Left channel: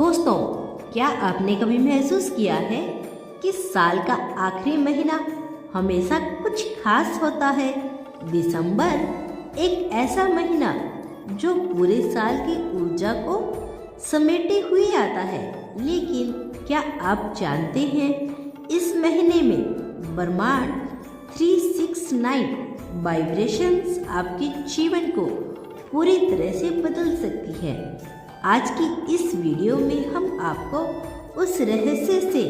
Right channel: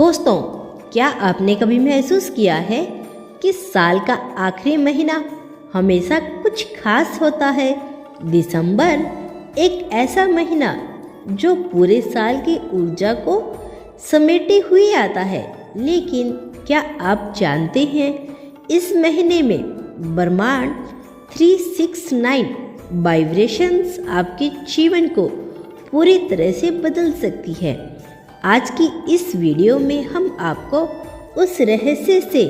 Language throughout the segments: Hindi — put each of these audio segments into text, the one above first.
दोस्तों, क्या आपने कभी महसूस किया है कि साल का आखिरी महीना हमेशा कुछ खास होता है। दिसंबर एक ऐसा महीना जो पूरे साल की ऊर्जा को समेटे हुए आता है। लेकिन क्या आप जानते हैं, इस महीने में ब्रह्मांड 369 वाइब्रेशंस आपके जीवन को पूरी तरह से बदल सकती है। आज की इस वीडियो में हम आपको उस रहस्य से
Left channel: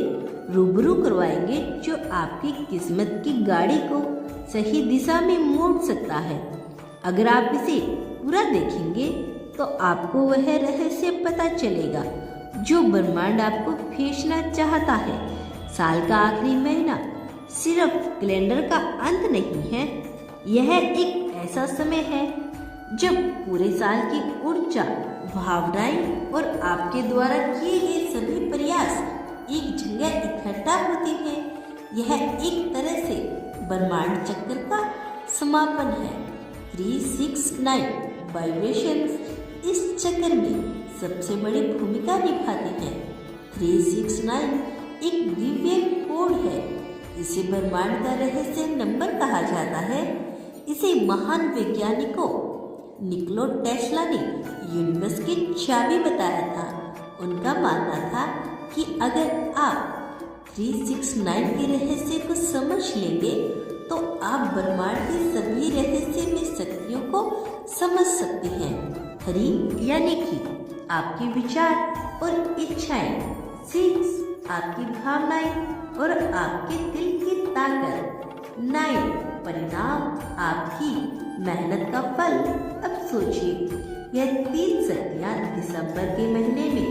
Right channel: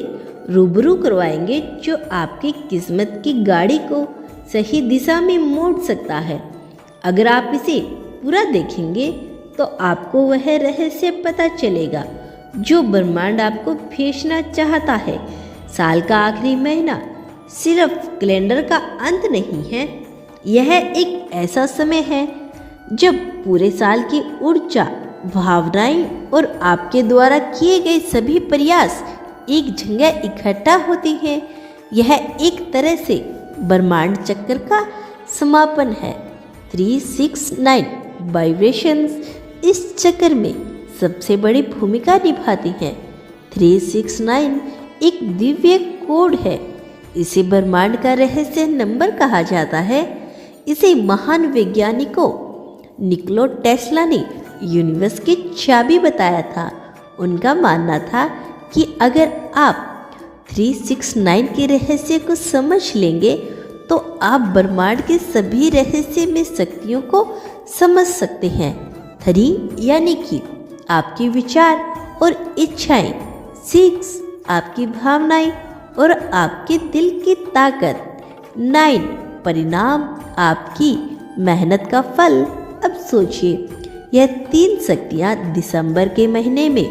रूबरू करवाएंगे जो आपकी किस्मत की गाड़ी को सही दिशा में मोड़ सकता है। अगर आप इसे पूरा देखेंगे तो आपको वह रहस्य पता चलेगा जो ब्रह्मांड आपको भेजना चाहता है। साल का आखिरी महीना सिर्फ कैलेंडर का अंत नहीं है, यह एक ऐसा समय है जब पूरे साल की ऊर्जा, भावनाएं और आपके द्वारा किए गए सभी प्रयास एक जगह इकट्ठा होती है। यह एक तरह से ब्रह्मांड चक्र का समापन है। 369 वाइब्रेशंस इस चक्र में सबसे बड़ी भूमिका निभाती हैं। 369 एक दिव्य कोड है। इसे ब्रह्मांड का रहस्य नंबर कहा जाता है। इसे महान वैज्ञानिकों निकोला टेस्ला ने यूनिवर्स की चाबी बताया था। उनका मानना था कि अगर आप 369 के रहस्य को समझ लेंगे तो आप ब्रह्मांड के सभी रहस्य में शक्तियों को समझ सकते हैं। 3 यानी कि आपके विचार और इच्छाएं, 6 आपकी भावनाएं और आपके दिल की ताकत, 9 परिणाम, आपकी मेहनत का फल। अब सोचिए, यह 3 शक्तियाँ दिसंबर के महीने में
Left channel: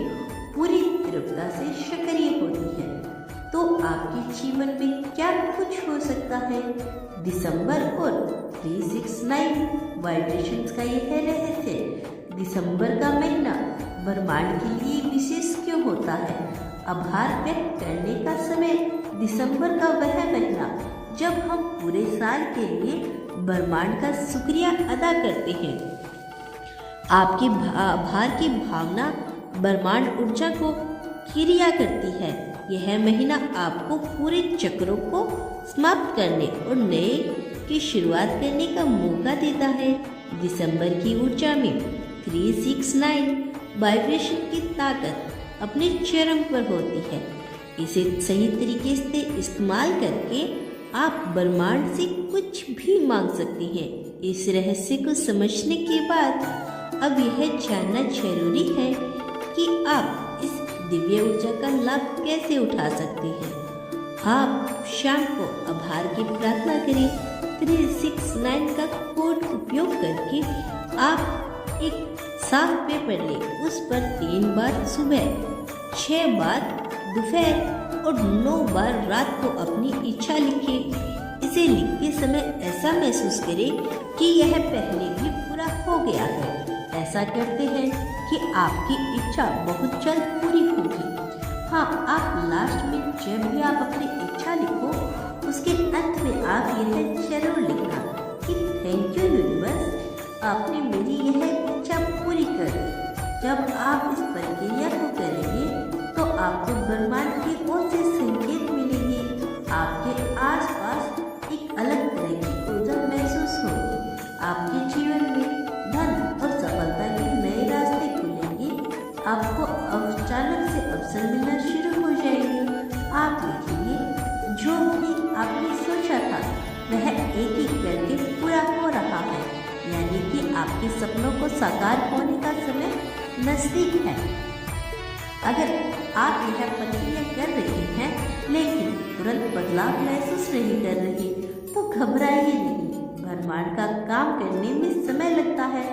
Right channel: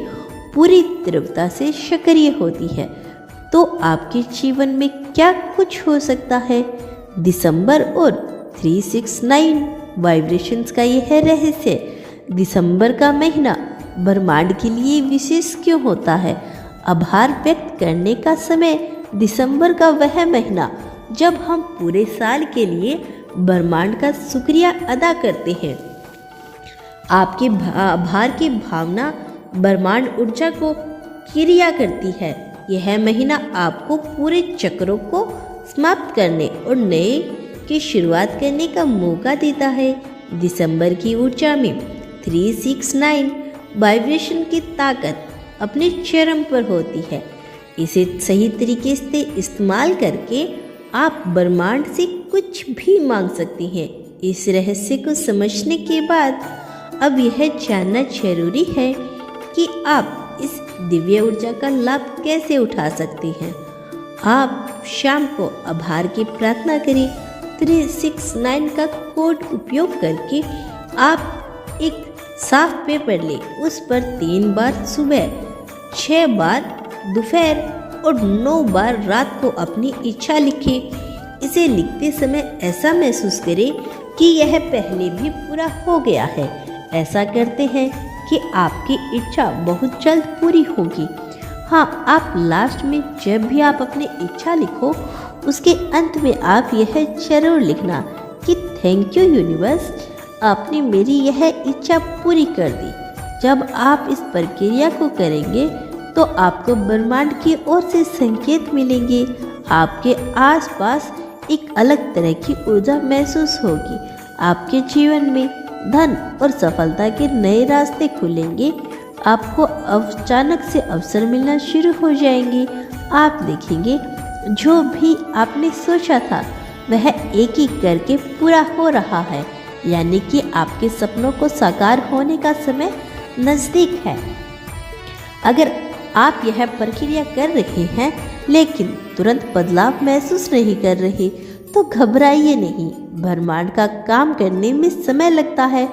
पूरी तीव्रता से सक्रिय होती है तो आपके जीवन में क्या कुछ हो सकता है। दिसंबर और 369 वाइब्रेशंस का यह रहस्य। दिसंबर का महीना ब्रह्मांड के लिए विशेष क्यों होता है? आभार व्यक्त करने का समय। दिसंबर का वह महीना जब हम पूरे साल के लिए ब्रह्मांड का शुक्रिया अदा करते हैं। आपके आभार की भावना ब्रह्मांड ऊर्जा को क्रिया करती है। यह महीना आपको पूरे चक्रों को समाप्त करने और नए की शुरुआत करने का मौका देता है। दिसंबर की ऊर्जा में 369 वाइब्रेशन की ताकत अपने चरम पर होती है। इसे सही तरीके से इस्तेमाल करके आप ब्रह्मांड से कुछ भी मांग सकते हैं। इस रहस्य को समझने के बाद अब यह जानना जरूरी है कि आप इस दिव्य ऊर्जा का लाभ कैसे उठा सकते हैं। आप शाम को आभार की प्रार्थना करें। 369 का कोड उपयोग करके आप एक साफ पेपर लें, उस पर 3 बार सुबह, 6 बार दोपहर और 9 बार रात को अपनी इच्छा लिखें। इसे लिखते समय ऐसा महसूस करें कि यह पहले भी पूरा हो गया है। ऐसा करते हैं कि आपकी इच्छा बहुत जल्द पूरी होगी। हाँ, आप लास्ट में जब भी आप अपनी इच्छा लिखो, उसके अंत में आप यह जरूर लिखना कि थैंक यू यूनिवर्स, आपने मेरी यह इच्छा पूरी कर दी। जब आप इस प्रक्रिया को करेंगे तो आपको ब्रह्मांड की ओर से संकेत मिलेंगे। आपके आसपास एक अलग तरह की ऊर्जा महसूस होगी। आपके जीवन में धन और सफलता के नए रास्ते खुलेंगे। आपको अचानक से अवसर मिलना शुरू हो जाएंगे। आप देखेंगे जो भी आपने सोचा था वह एक एक करके पूरा हो रहा है, यानी कि आपके सपनों को साकार होने का समय नज़दीक है। अगर आप यह प्रक्रिया कर रहे हैं लेकिन तुरंत बदलाव महसूस नहीं कर रहे तो घबराइए नहीं। ब्रह्मांड का काम करने में समय लगता है।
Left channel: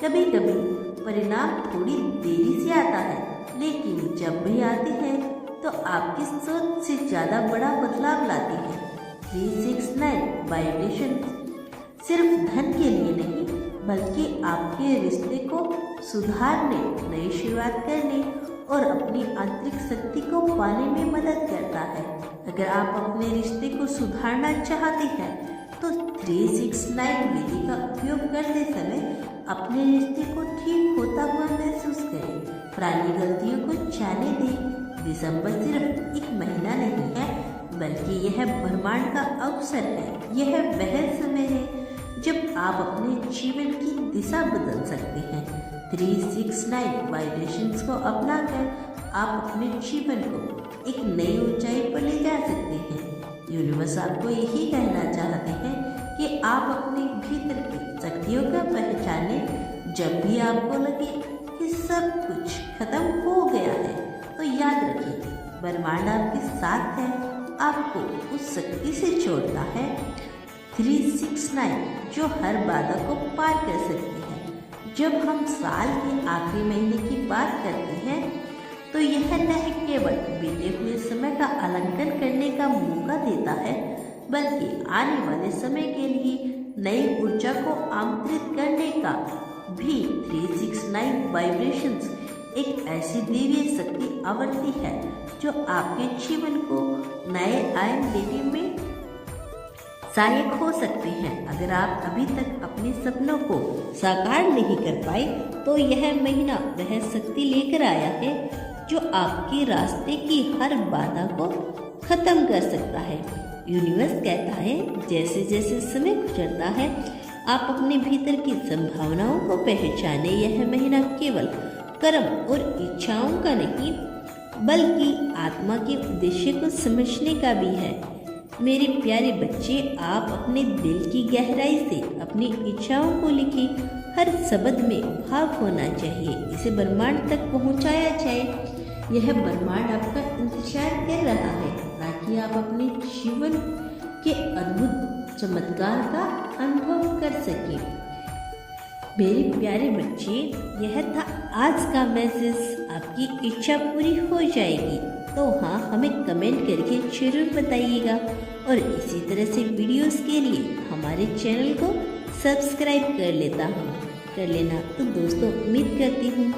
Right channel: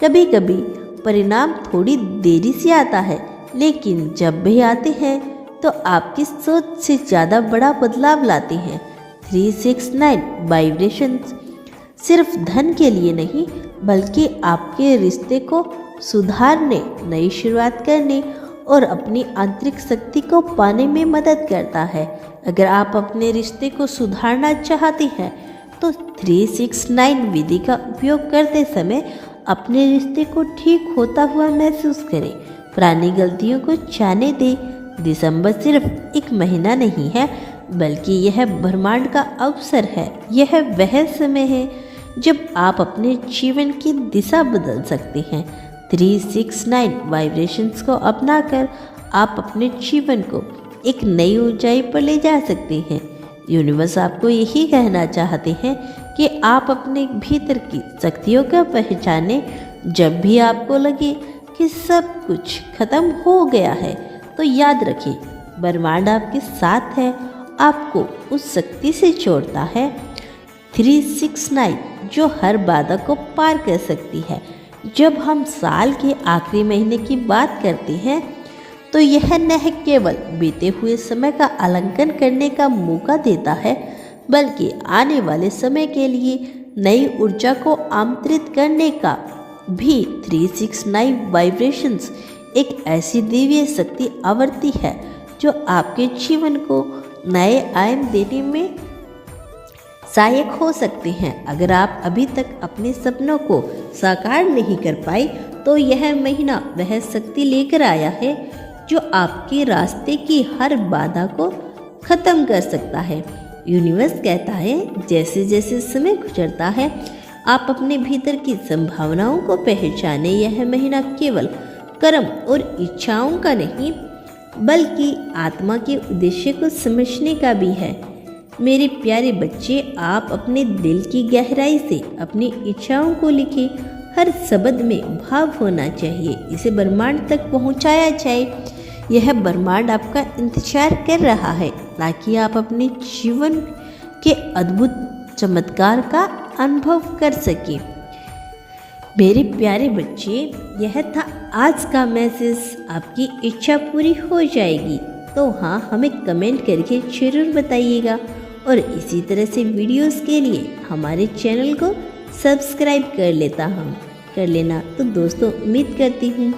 कभी कभी परिणाम थोड़ी देरी से आता है, लेकिन जब भी आते हैं तो आपकी सोच से ज़्यादा बड़ा बदलाव लाते हैं। 369 वाइब्रेशंस सिर्फ धन के लिए नहीं, बल्कि आपके रिश्ते को सुधारने, नई शुरुआत करने और अपनी आंतरिक शक्ति को पाने में मदद करता है। अगर आप अपने रिश्ते को सुधारना चाहते हैं तो 369 विधि का उपयोग करते समय अपने रिश्ते को ठीक होता हुआ महसूस करें। पुरानी गलतियों को जाने दें। दिसंबर सिर्फ एक महीना नहीं है, बल्कि यह ब्रह्मांड का अवसर है। यह वह समय है जब आप अपने जीवन की दिशा बदल सकते हैं। 369 वाइब्रेशंस को अपनाकर आप अपने जीवन को एक नई ऊंचाई पर ले जा सकते हैं। यूनिवर्स आपको यही कहना चाहते हैं कि आप अपने भीतर की शक्तियों को पहचानें। जब भी आपको लगे कि सब कुछ खत्म हो गया है, तो याद रखें, ब्रह्मांड आपके साथ है, आपको उस शक्ति से जोड़ता है। 369 जो हर बाधा को पार कर सकती है। जब हम साल के आखिरी महीने की बात करते हैं, तो यह न केवल बीते हुए समय का आकलन करने का मौका देता है, बल्कि आने वाले समय के लिए नई ऊर्जा को आमंत्रित करने का भी। 369 वाइब्रेशंस एक ऐसी दिव्य शक्ति आवृत्ति है जो आपके जीवन को नए आयाम देने में सहायक हो सकते हैं। अगर आप अभी तक अपने सपनों को साकार नहीं कर पाए, तो यह महीना वह शक्ति लेकर आया है जो आपके रास्ते की हर बाधा को खत्म कर सकता है। यूनिवर्स कहता है, जैसे जैसे समय गुजरता है, आप अपने भीतर की संभावनाओं को पहचाने। यह महीना केवल कर्म और इच्छाओं का नहीं, बल्कि आत्मा के उद्देश्य को समझने का भी है। मेरे प्यारे बच्चे, आप अपने दिल की गहराई से अपनी इच्छाओं को लिखें। हर शब्द में भाव होना चाहिए, इसे ब्रह्मांड तक पहुंचाया जाए। यह ब्रह्मांड आपका इंतजार कर रहा है ताकि आप अपने जीवन के अद्भुत चमत्कार का अनुभव कर सकें। मेरे प्यारे बच्चे, यह था आज का मैसेज। आपकी इच्छा पूरी हो जाएगी तो हाँ, हमें कमेंट करके जरूर बताइएगा। और इसी तरह से वीडियोस के लिए हमारे चैनल को सब्सक्राइब कर लेना। तो दोस्तों, उम्मीद करती हूँ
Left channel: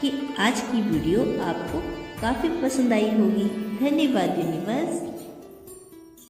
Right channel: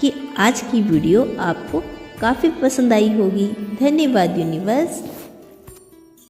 कि आज की वीडियो आपको काफ़ी पसंद आई होगी। धन्यवाद यूनिवर्स।